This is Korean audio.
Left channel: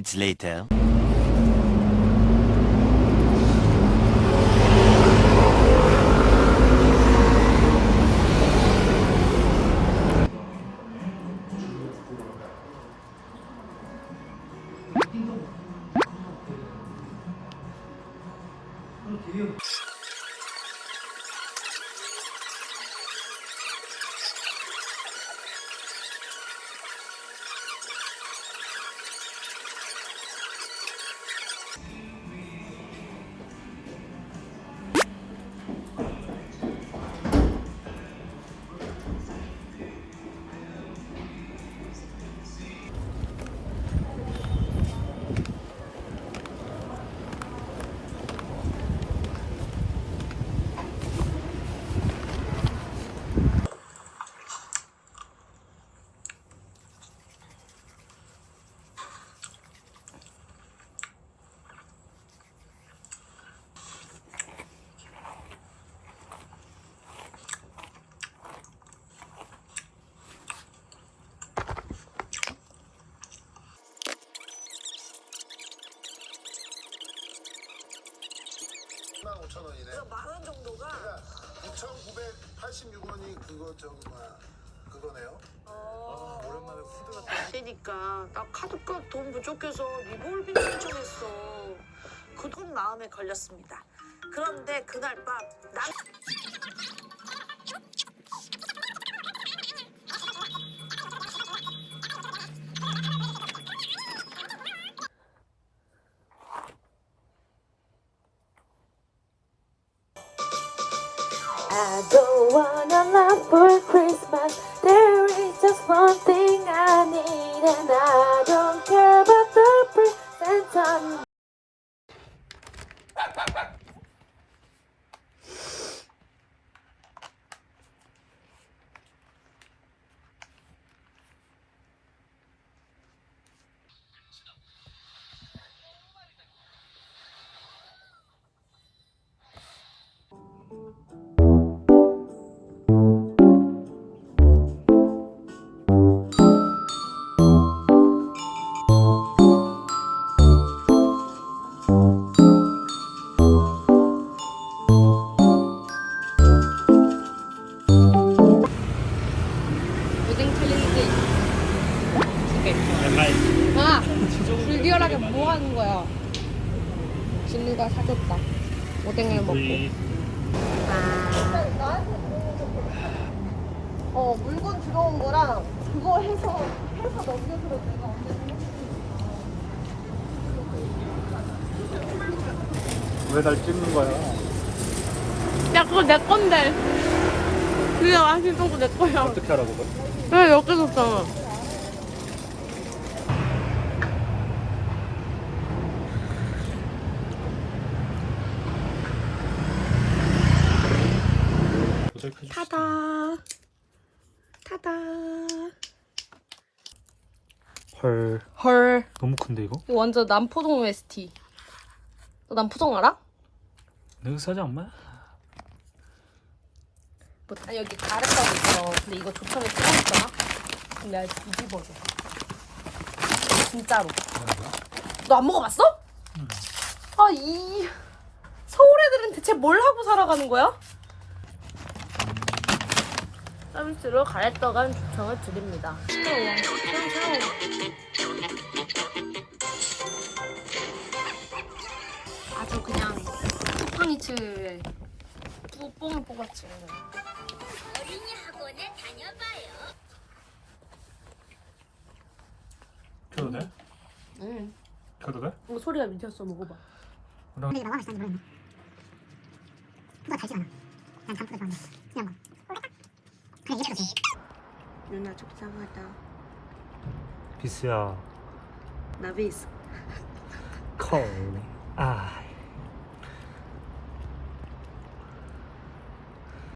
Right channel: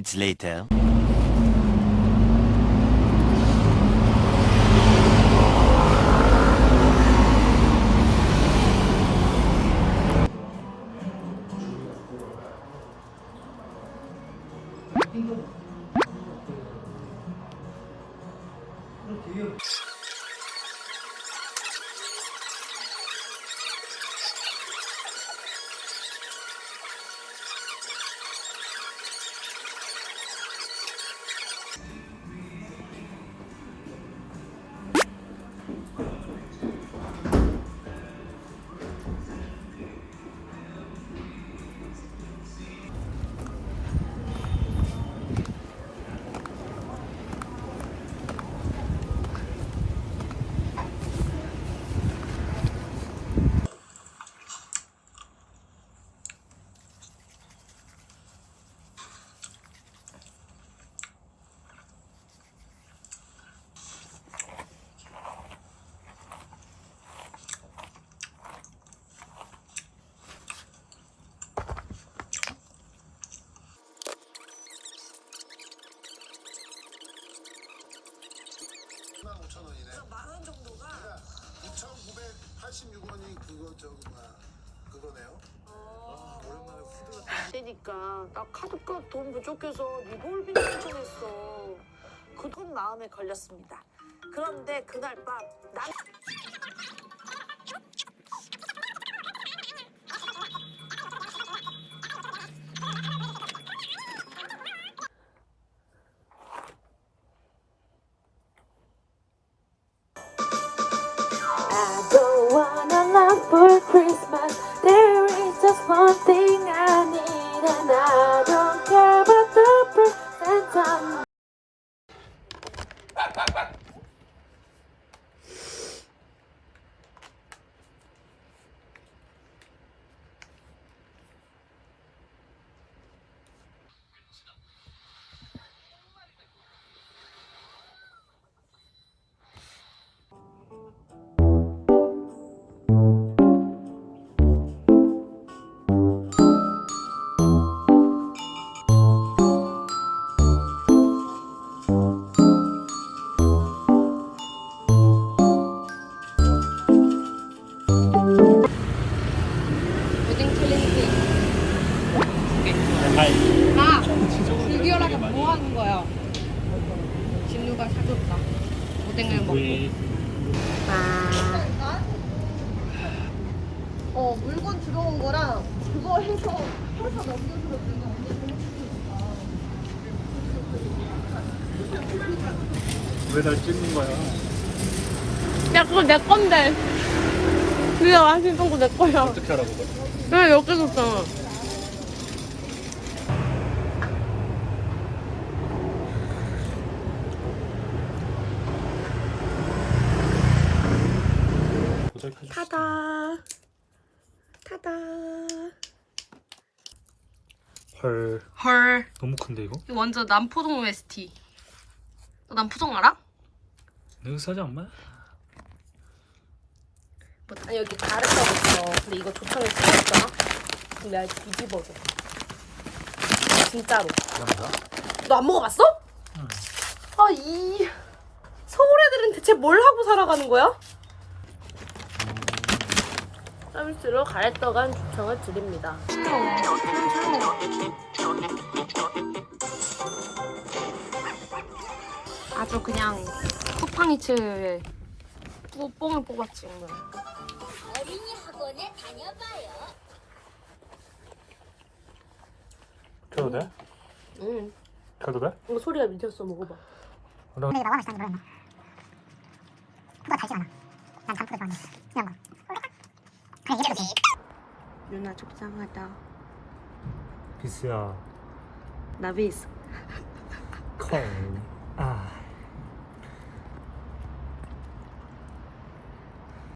minutes later... 그돈 마음에 걸렸습니다. 그런데 그날 밤 the 아! 불결하게 뭐 하는 거야? 진우가 사줬다 오뎅을 먹고 아 어, 물건 들어온 거랑 그거 해서 왜날 찍는 거야? 야 그거 내 건데 그게 맛있던 거 내 거야 어떻게 알아 그거? 왜 옆에 뒀잖아 해줬어. 타다 타다 헐 헐 너무 큰데 이거? 이거 완전 남포동 OST 너 남포동 알아? 내가 사지 않나? 뭐, 아니 여기 가르쳐고 있어 근데 이거 조청에 찍어있잖아 그럼 내가 뒤집어줘 진짜로 너 안 먹어봤어? 아 이 서울 애들은 대체 뭘 하고 살아가는 거야? 서비스로 가래떡한 조청을 드립니다. 아주 그냥 쿠팡이츠에 뿌- 뽕을 뽑았지 오늘 어린이 학원에 다녀봐요. 켜도 돼? 응. 켜도 돼? 이거 소리가 미쳤어. 먹어봐. 그럼 유나 속상하다. 비스야. 나비스. 컬